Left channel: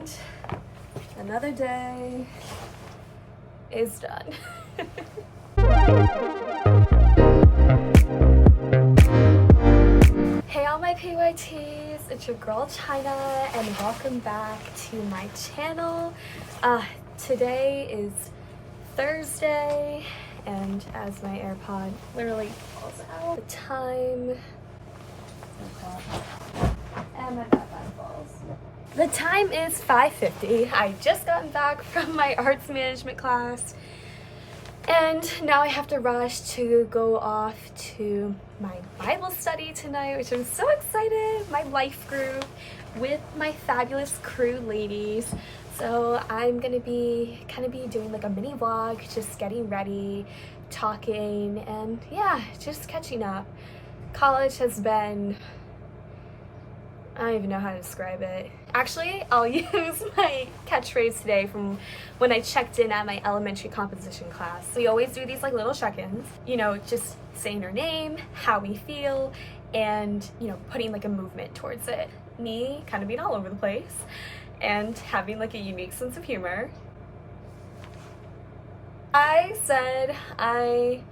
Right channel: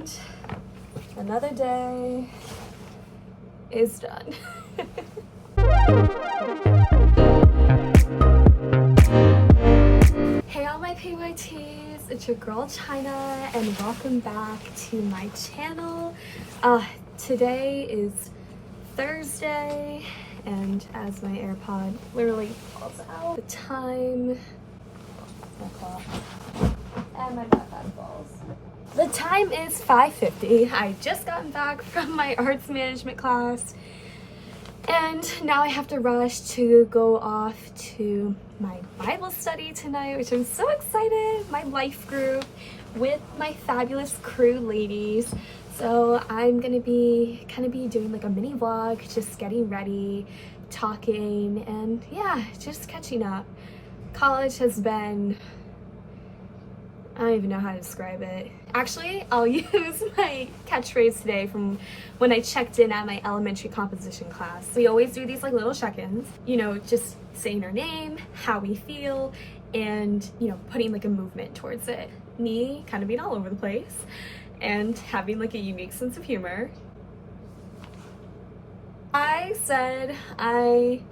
And another day is done. Hey all my PYTs, it's your girl Chynna and welcome back to my channel. Today is Thursday and as my AirPod literally falls out, the time is 5:50. I just gotten back from my arts management class and now I have to rush to go off to my Bible study tonight, which I'm so excited. My life group with my fabulous crew ladies. So I'm gonna be doing like a mini vlog, just getting ready, talking, and yeah, just catching up. College has been, I don't even know how to describe it. Actually, I'll use my catchphrase today from when I checked in at my elementary composition class. We always do these like little check-ins, you know, just saying our name, how we feel, and, you know, putting like a movement towards it. Me kind of being all over the place and having like a unique sense of humor. I said I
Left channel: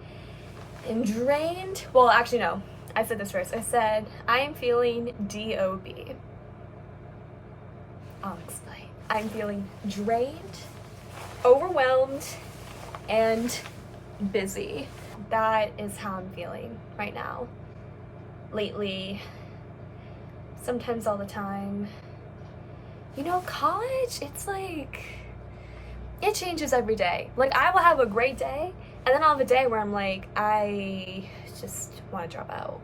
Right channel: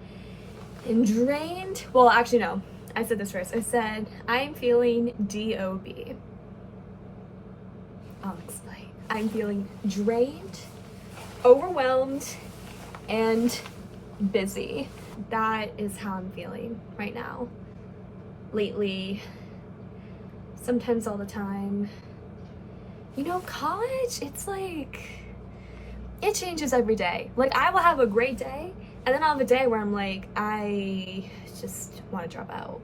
am drained. Well, actually, no. I said this first. I said, I am feeling DOB. I'll explain. I'm feeling drained, overwhelmed, and busy. That is how I'm feeling right now. Lately, sometimes all the time. You know, college, it's like, it changes every day. Like, I will have a great day, and then I'll have a day where I'm like, I just want to drop out.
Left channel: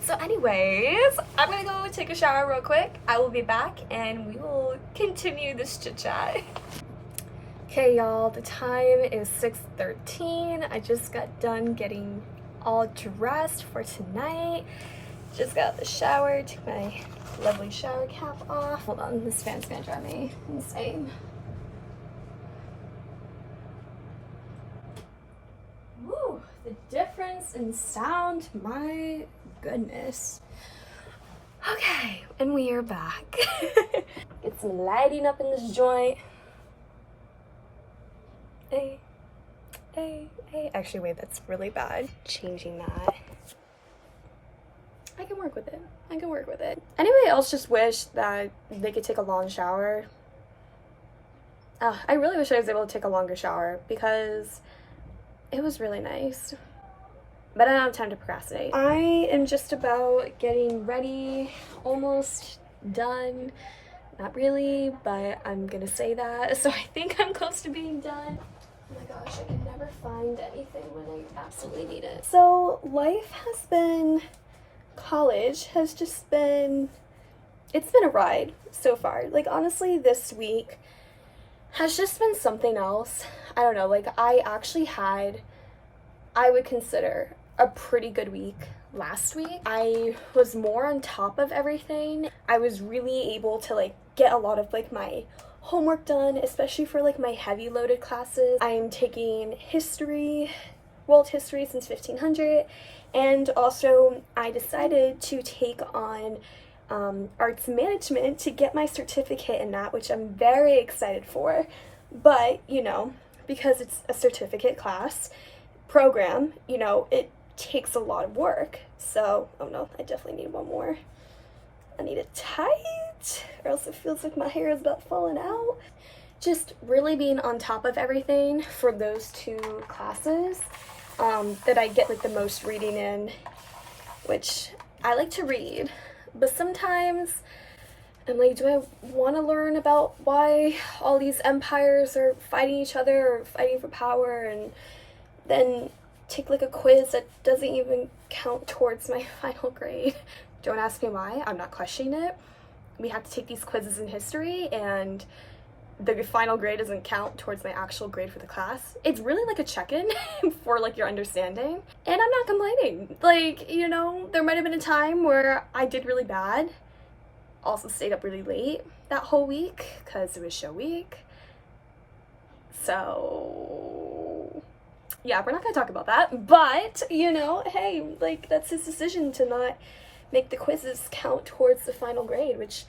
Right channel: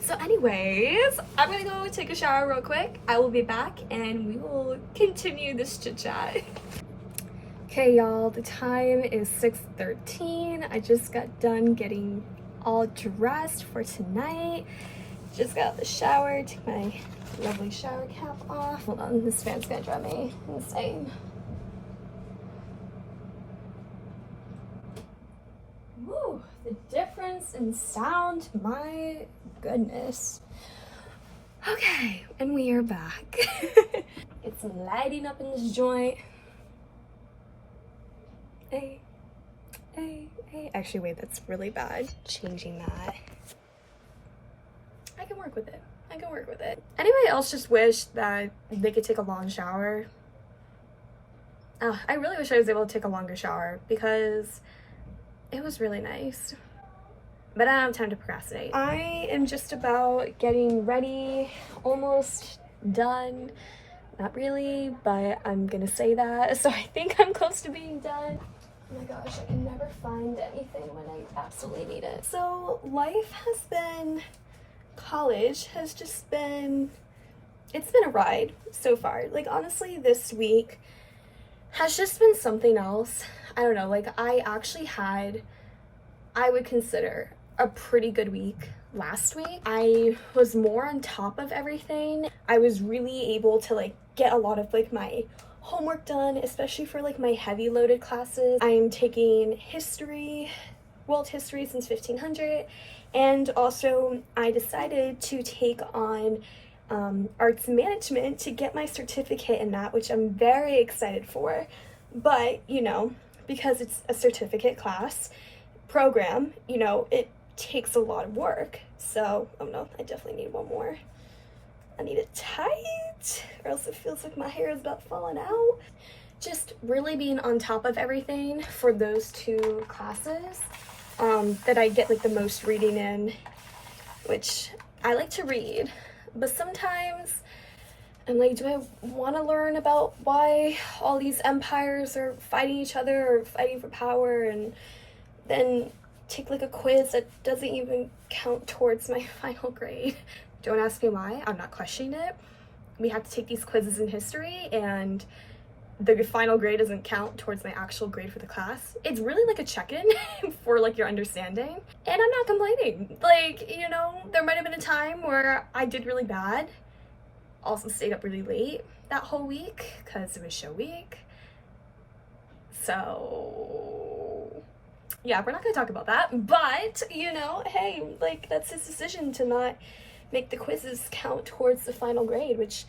So anyways, I'm gonna go take a shower real quick. I will be back and we will continue this chit chat. Okay y'all, the time is 6:13. I just got done getting all dressed for tonight. Just got out the shower, took my lovely shower cap off. Hold on, this fan's gonna drive me insane. Woo, the difference in sound, my goodness. Okay, and we are back. Get some lighting up in this joint. Hey, hey, hey. Actually, wait, that's really bad. Changing that. I can work with it. I can work with it. Anybody else just wish that they could take a long shower? I really wish I was able to take a longer shower because it was really nice. But I don't have time to procrastinate. I am just about getting ready, almost done. Not really, but I'm gonna say that. So I think I'm close to being done. Oh my gosh, I can never find anything when I absolutely need it. So life has been, college has just been, it's been a ride so far. Like honestly, this week has just been something else. I don't know, like I actually had, I would consider a pretty good week last week. I was more on top of everything. I was really able to like get a lot of like my homework done, especially for like my heavy loaded classes. I'm taking history, world history since 1500, and also I decided to take on arts management to get my certificate in that, which I'm very excited for. But you know, because it's a certificate class program, you know, it takes a lot of work. So, oh no, I definitely need one more. I need it tight or else it feels like my hair is about falling out. Just really being on top of everything for those two classes that I get like the most reading in, which I like to read, but sometimes I'm like, do I want to learn about why all these empires are fighting each other or fighting for power, and then take like a quiz that doesn't even count towards my final grade? Don't ask me why, I'm not questioning it. We have to take these quizzes in history and the final grade doesn't count towards my actual grade for the class. It's really like a check-in for like your understanding. And I'm not complaining. Like, you know, there might have been a time where I did really bad. Also stayed up really late that whole week because it was show week. So yeah, we're not gonna talk about that, but you know, hey, like that's his decision to not make the quizzes count towards the final grade, which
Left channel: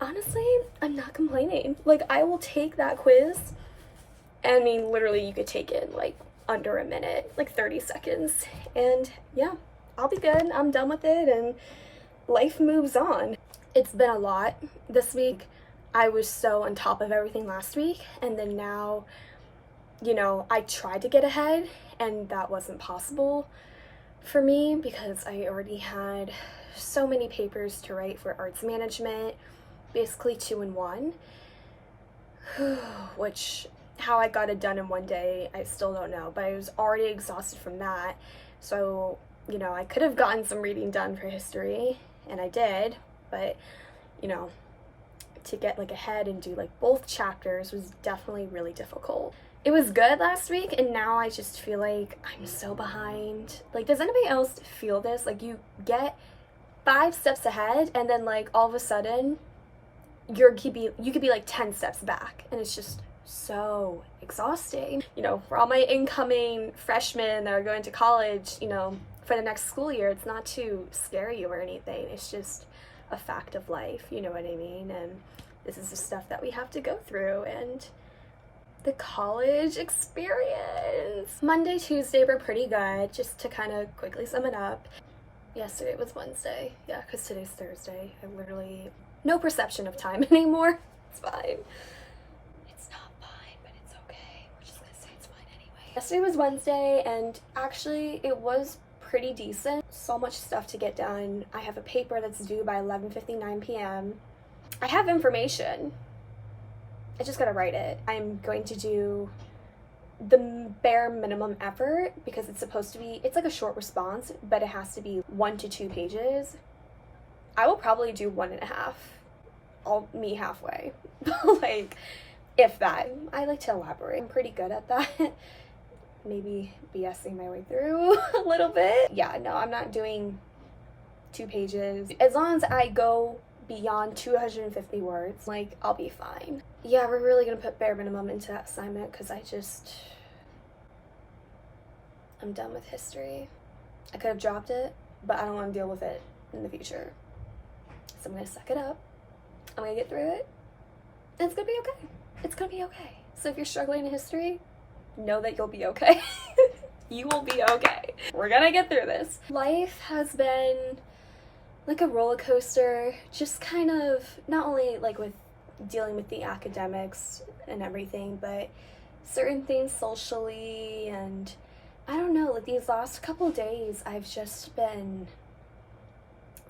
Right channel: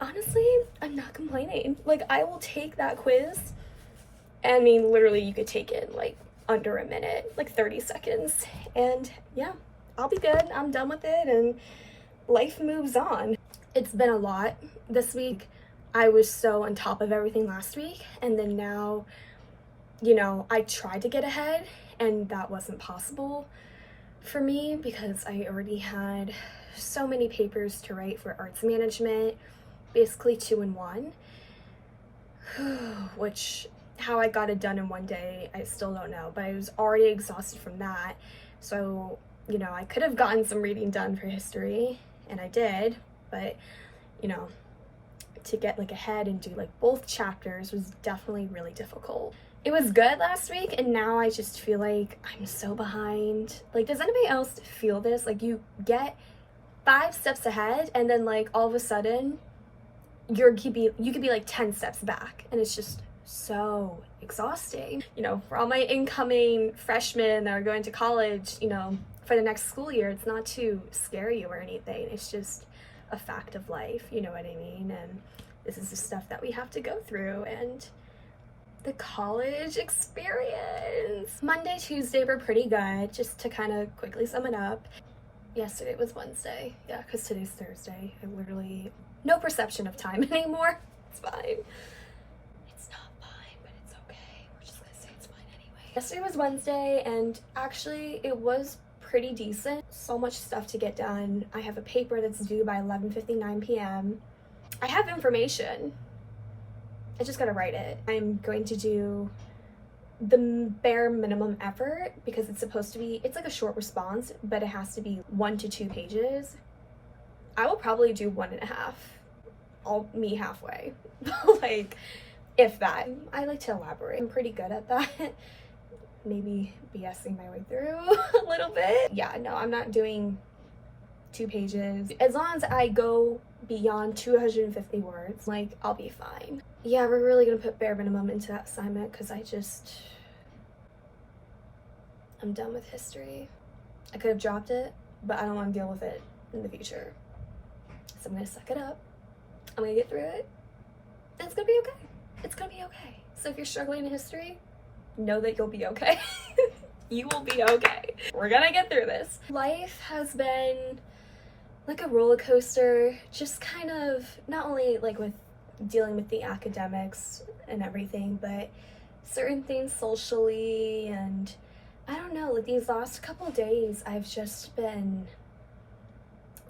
honestly, I'm not complaining. Like, I will take that quiz. I mean, literally, you could take it in like under a minute, like 30 seconds. And yeah, I'll be good. I'm done with it and life moves on. It's been a lot this week. I was so on top of everything last week. And then now, you know, I tried to get ahead and that wasn't possible for me because I already had so many papers to write for arts management, basically 2 in 1, which how I got it done in one day, I still don't know, but I was already exhausted from that. So, you know, I could have gotten some reading done for history, and I did, but, you know, to get like ahead and do like both chapters was definitely really difficult. It was good last week, and now I just feel like I'm so behind. Like, does anybody else feel this? Like, you get 5 steps ahead, and then like all of a sudden, you could be like 10 steps back, and it's just so exhausting. You know, for all my incoming freshmen that are going to college, you know, for the next school year, it's not to scare you or anything. It's just a fact of life, you know what I mean? And this is the stuff that we have to go through. And the college experience. Monday, Tuesday were pretty good, just to kind of quickly sum it up. Yesterday was Wednesday. Yeah, because today's Thursday. I literally, no perception of time anymore. It's fine. It's not fine, but it's okay. We're just gonna say it's fine anyway. Yesterday was Wednesday, and actually it was pretty decent. So much stuff to get done. I have a paper that's due by 11:59 p.m. I have information. I just gotta write it. I'm going to do the bare minimum effort because it's supposed to be, it's like a short response, but it has to be 1 to 2 pages. I will probably do 1.5. I'll meet halfway. Like, if that. I like to elaborate. I'm pretty good at that. Maybe BSing my way through a little bit. Yeah, no, I'm not doing 2 pages. As long as I go beyond 250 words, like, I'll be fine. Yeah, we're really gonna put bare minimum into that assignment because I'm done with history. I could have dropped it, but I don't want to deal with it in the future. So I'm gonna suck it up. I'm gonna get through it. And it's gonna be okay. It's gonna be okay. So if you're struggling in history, know that you'll be okay. You will be okay. We're gonna get through this. Life has been like a roller coaster, just kind of, not only like with dealing with the academics and everything, but certain things socially, and I don't know, like these last couple days I've just been,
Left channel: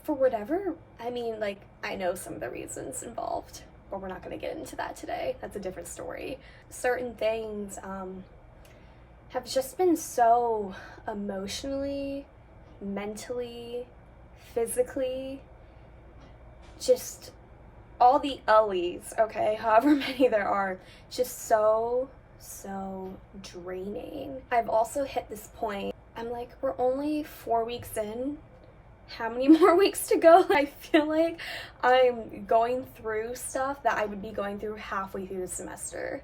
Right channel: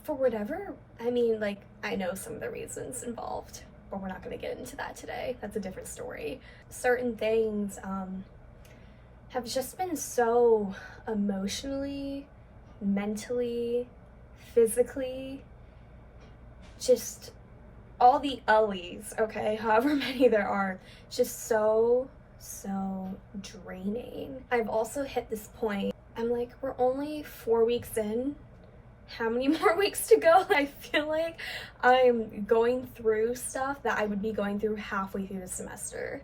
for whatever, I mean, like, I know some of the reasons involved, but we're not going to get into that today. That's a different story. Certain things have just been so emotionally, mentally, physically, just all the L's, okay, however many there are, just so draining. I've also hit this point, I'm like, we're only 4 weeks in. How many more weeks to go? I feel like I'm going through stuff that I would be going through halfway through the semester.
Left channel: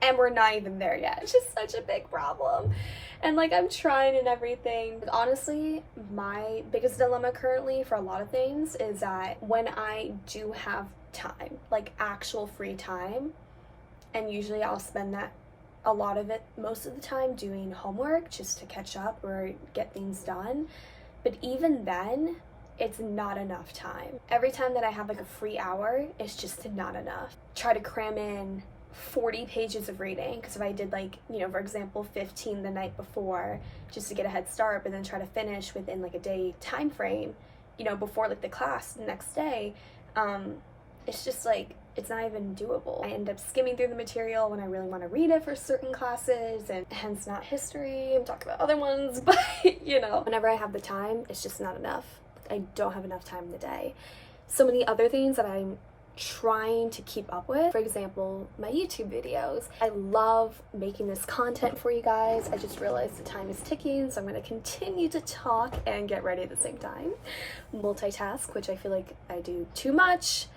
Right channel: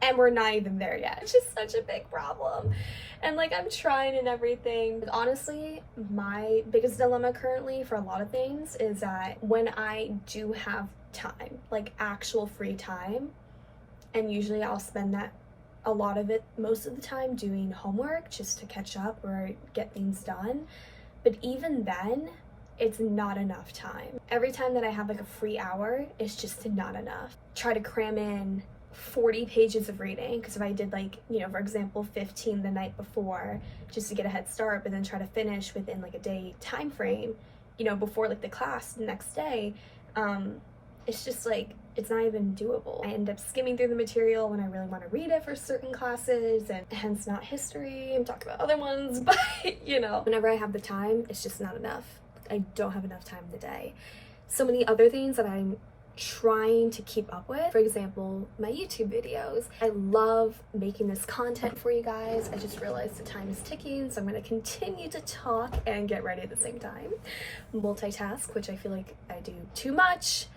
And we're not even there yet. It's just such a big problem. And like, I'm trying and everything. But honestly, my biggest dilemma currently for a lot of things is that when I do have time, like actual free time, and usually I'll spend that, a lot of it, most of the time doing homework just to catch up or get things done. But even then, it's not enough time. Every time that I have like a free hour, it's just not enough. Try to cram in 40 pages of reading, because if I did like, you know, for example, 15 the night before just to get a head start, but then try to finish within like a day time frame, you know, before like the class the next day, it's just like, it's not even doable. I end up skimming through the material when I really want to read it for certain classes, and hence not history. I'm talking about other ones, but you know, whenever I have the time, it's just not enough. I don't have enough time in the day. So many other things that I'm trying to keep up with. For example, my YouTube videos. I love making this content for you guys. I just realized the time is ticking, so I'm going to continue to talk and get ready at the same time. Multitask, which I feel like I do too much.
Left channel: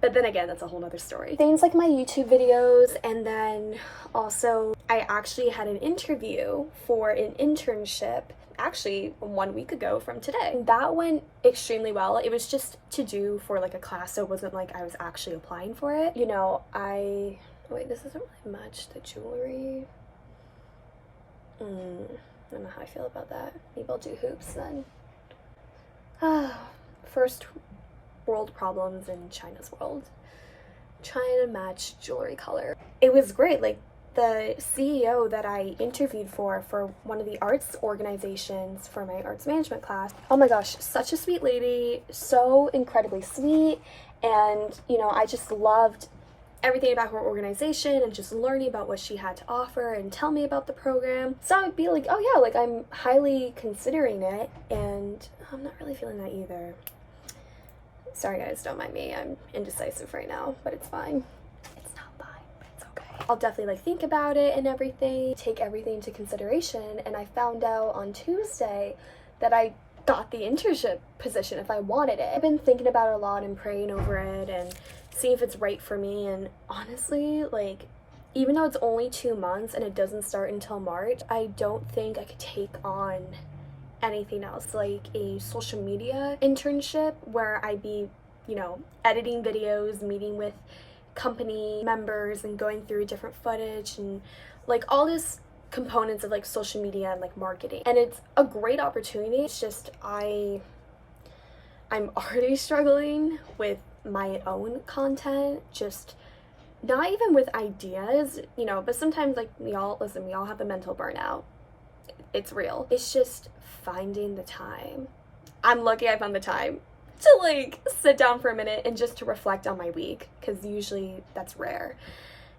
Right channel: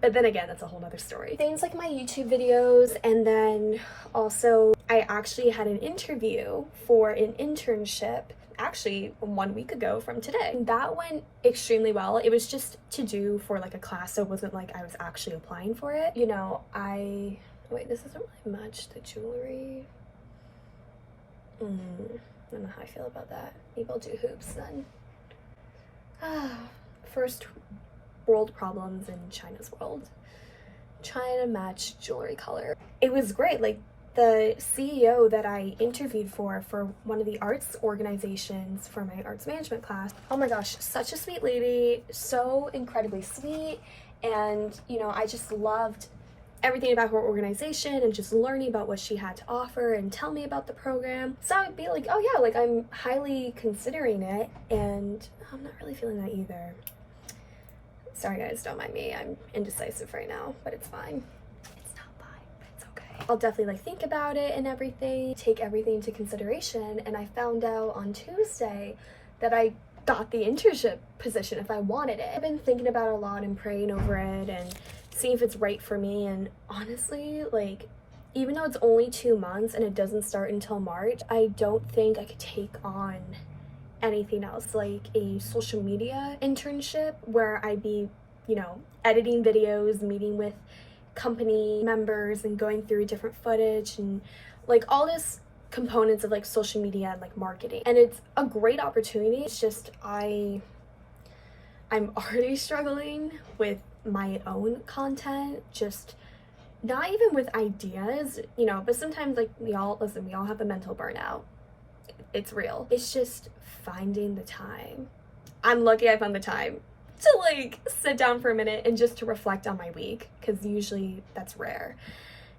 But then again, that's a whole nother story. Things like my YouTube videos, and then also I actually had an interview for an internship actually 1 week ago from today. That went extremely well. It was just to do for like a class, so it wasn't like I was actually applying for it. You know, wait, this isn't really much, the jewelry. I don't know how I feel about that. Maybe I'll do hoops then. First world problems in China's world. Trying to match jewelry color. It was great. Like, the CEO that I interviewed for one of the arts organizations for my arts management class, oh my gosh, such a sweet lady, so incredibly sweet. And, you know, I just loved everything about her organization and just learning about what she had to offer and tell me about the program. So I would be like, oh yeah, like I'm highly considering it, and I'm not really feeling that either. Sorry guys, don't mind me. I'm indecisive right now, but it's fine. It's not fine, but it's okay. I'll definitely like think about it and everything, take everything into consideration. And I found out on Tuesday that I got the internship position if I wanted it. I've been thinking about it a lot and praying over it and seeing if it's right for me. And honestly, like, even though it's only 2 months and it doesn't start until March, I don't think I could take on anything else, like a social media internship where I'd be, you know, editing videos, meeting with company members and going through different footage and like all this components of like social media and like marketing. And it's a great opportunity. It's just I'm already struggling with my own content, just not even with ideas, you know, but sometimes like we all have a mental burnout. It's real. It's just finding the time. I'm lucky I found the time to like sit down for a minute and just to reflect on my week, because usually that's rare.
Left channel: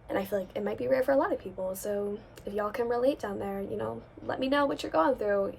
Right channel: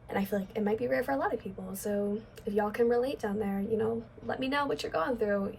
And I feel like it might be rare for a lot of people. So if y'all can relate down there, you know, let me know what you're going through.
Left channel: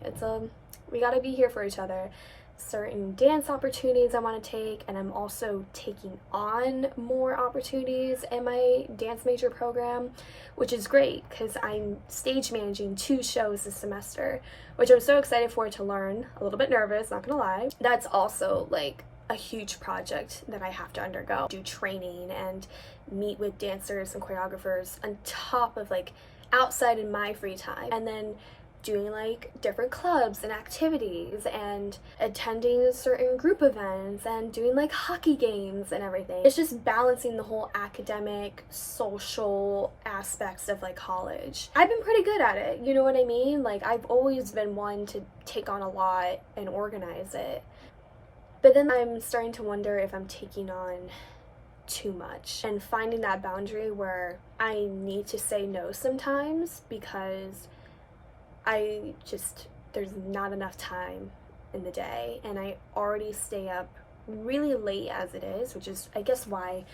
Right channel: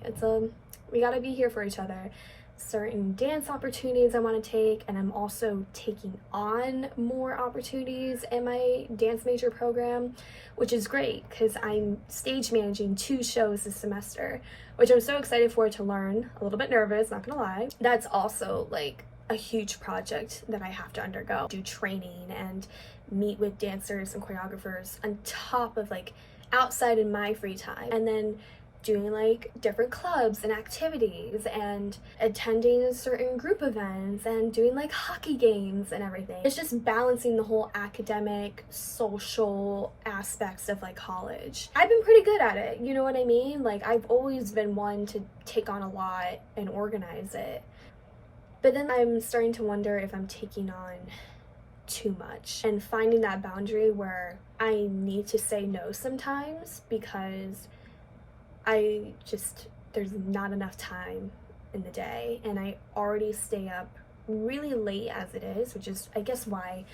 We gotta be here for each other. Certain dance opportunities I want to take, and I'm also taking on more opportunities in my dance major program, which is great because I'm stage managing 2 shows this semester, which I'm so excited for to learn. A little bit nervous, not gonna lie. That's also like a huge project that I have to undergo, do training and meet with dancers and choreographers on top of like outside in my free time, and then doing like different clubs and activities and attending certain group events and doing like hockey games and everything. It's just balancing the whole academic, social aspects of like college. I've been pretty good at it, you know what I mean? Like, I've always been one to take on a lot and organize it. But then I'm starting to wonder if I'm taking on too much and finding that boundary where I need to say no sometimes, because there's not enough time in the day, and I already stay up really late as it is, which is I guess why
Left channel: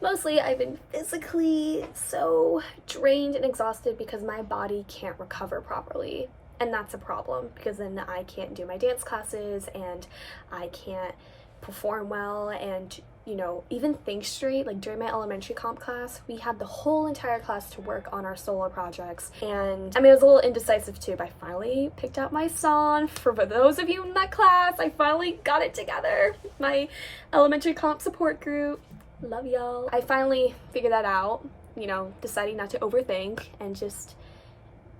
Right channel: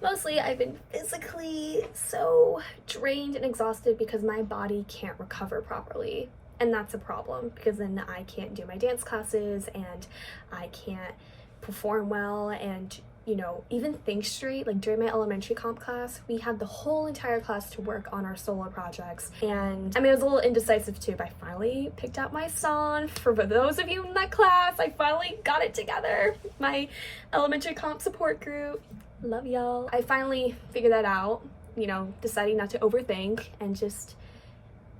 mostly I've been physically so drained and exhausted, because my body can't recover properly. And that's a problem, because then I can't do my dance classes and I can't perform well and, you know, even think straight. Like during my elementary comp class, we had the whole entire class to work on our solo projects. And I mean, it was a little indecisive too, but I finally picked out my song. For those of you in that class, I finally got it together. My elementary comp support group. Love y'all. I finally figured that out, you know, deciding not to overthink and just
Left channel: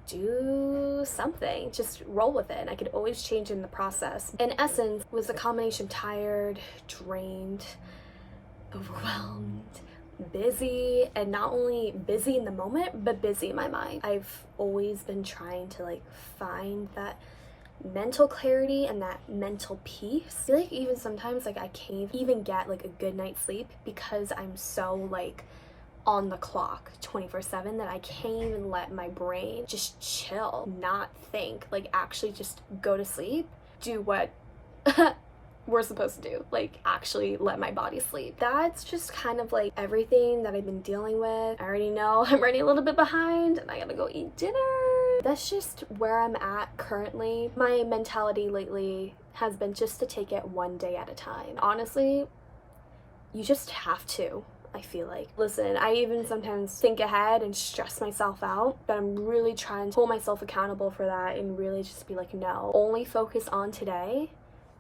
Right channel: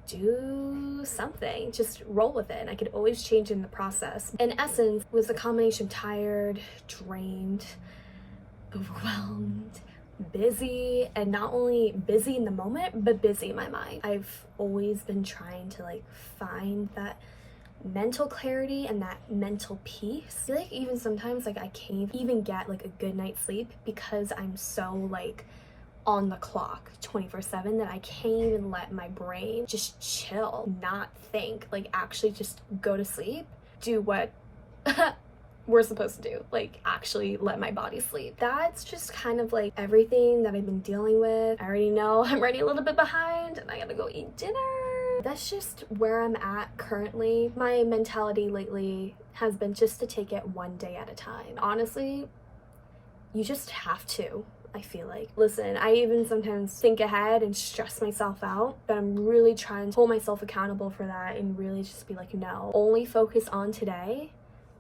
do something, just roll with it. And I could always change in the process. In essence, was a combination of tired, drained, overwhelmed, busy, and not only busy in the moment, but busy in my mind. I've always been trying to like find that mental clarity and that mental peace. I feel like even sometimes like I can't even get like a good night's sleep because I'm so like on the clock 24/7 that I can't even let my brain just chill, not think, like actually just go to sleep, do what we're supposed to do, like actually let my body sleep. That's just kind of like everything that I've been dealing with. I already know I'm running a little bit behind and I gotta go eat dinner. That's just where I'm at currently. My mentality lately has been just to take it one day at a time. Honestly, you just have to. I feel like. Listen, I even sometimes think ahead and stress myself out, but I'm really trying to hold myself accountable for that and really just be like, no, only focus on today.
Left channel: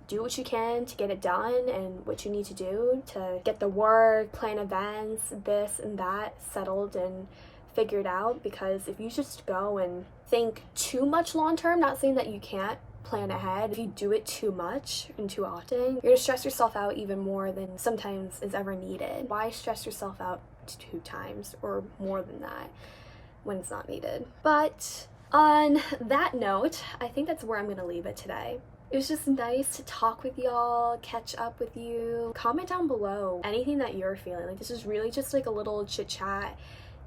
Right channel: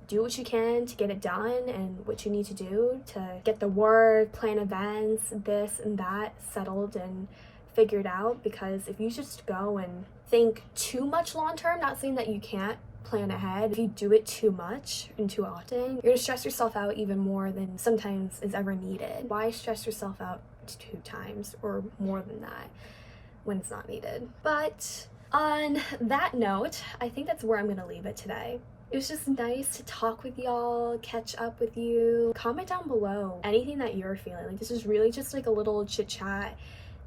Do what you can to get it done and what you need to do to get the work, plan events, this and that settled and figured out. Because if you just go and think too much long term, not saying that you can't plan ahead. If you do it too much and too often, you're gonna stress yourself out even more than sometimes is ever needed. Why stress yourself out 2 times or more than that when it's not needed? But on that note, I think that's where I'm gonna leave it today. It was just nice to talk with y'all, catch up with you. Comment down below anything that you're feeling. Like, this is really just like a little chit chat.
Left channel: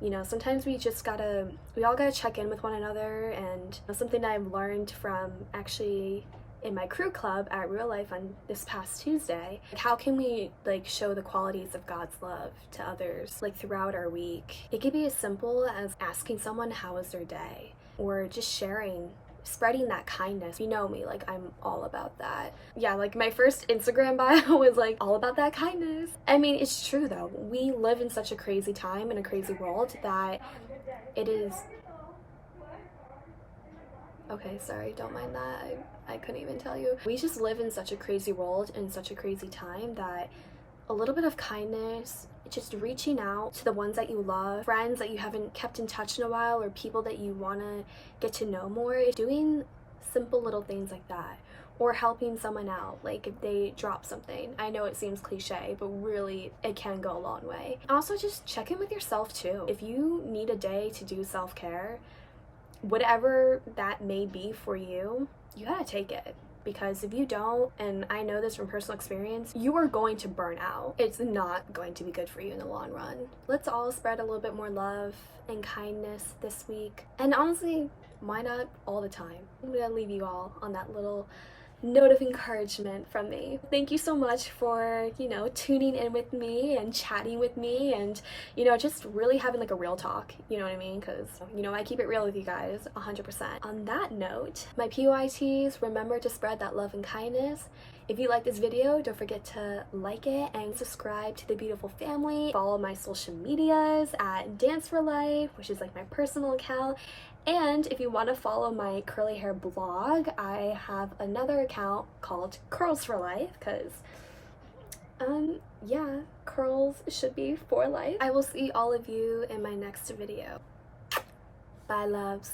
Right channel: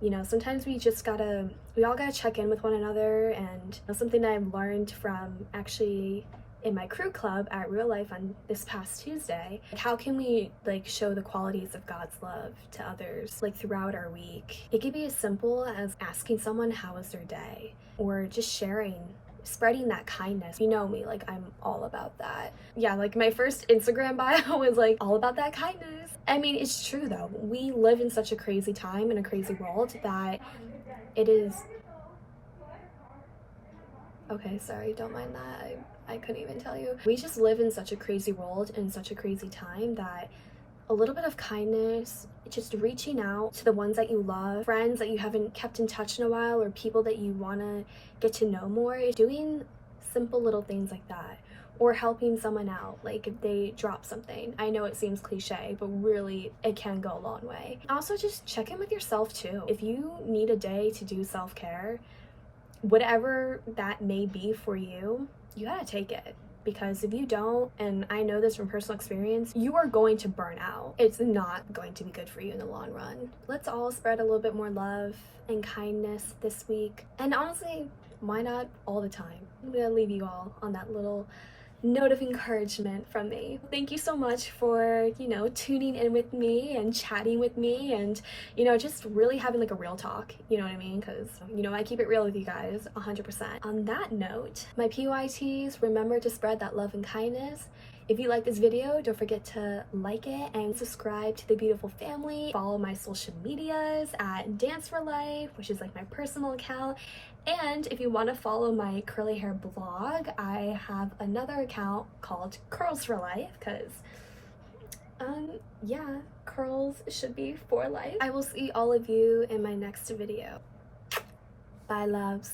You know, sometimes we all gotta check in with one another. And something that I've learned from actually in my crew club at Real Life on this past Tuesday, like, how can we like show the qualities of God's love to others like throughout our week? It could be as simple as asking someone how was their day, or just spreading that kindness. You know me, like, I'm all about that. Yeah, like my first Instagram bio was like all about that kindness. I mean, it's true though. We live in such a crazy time in a crazy world that it is. Okay, sorry, don't mind that. I couldn't even tell you. We just live in such a crazy world and such a crazy time that a little bit of kindness, just reaching out to the ones that you love, friends that you haven't kept in touch in a while, or people that you want to get to know more, doing simple little things like that, or helping someone out, like if they drop something. I know it seems cliche, but really it can go a long way. Also, just check in with yourself too. If you need a day to do self-care, whatever that may be for you, you gotta take it. Because if you don't, and I know this from personal experience, you are going to burn out. It's not going to be good for you in the long run. Let's all spread a little bit more love and kindness this week. And honestly, why not all the time? I'm gonna leave you all on that little note of encouragement from me. Thank you so much for, tuning in with me and chatting with me and, just really having like a real talk, you know what I mean? Because, I keep it real with you guys 100%. On that note, my PYTs, remember to spread that love and kindness. If you like this video, don't forget to like it and subscribe to the beautiful family. Follow my social medias at Dance for Life, which is like my personal account. And if you want to follow my curly hair blog, I have another account called Curls for Life, because yeah, curls should be for life. I will see all of you in my next video. Bye, loves.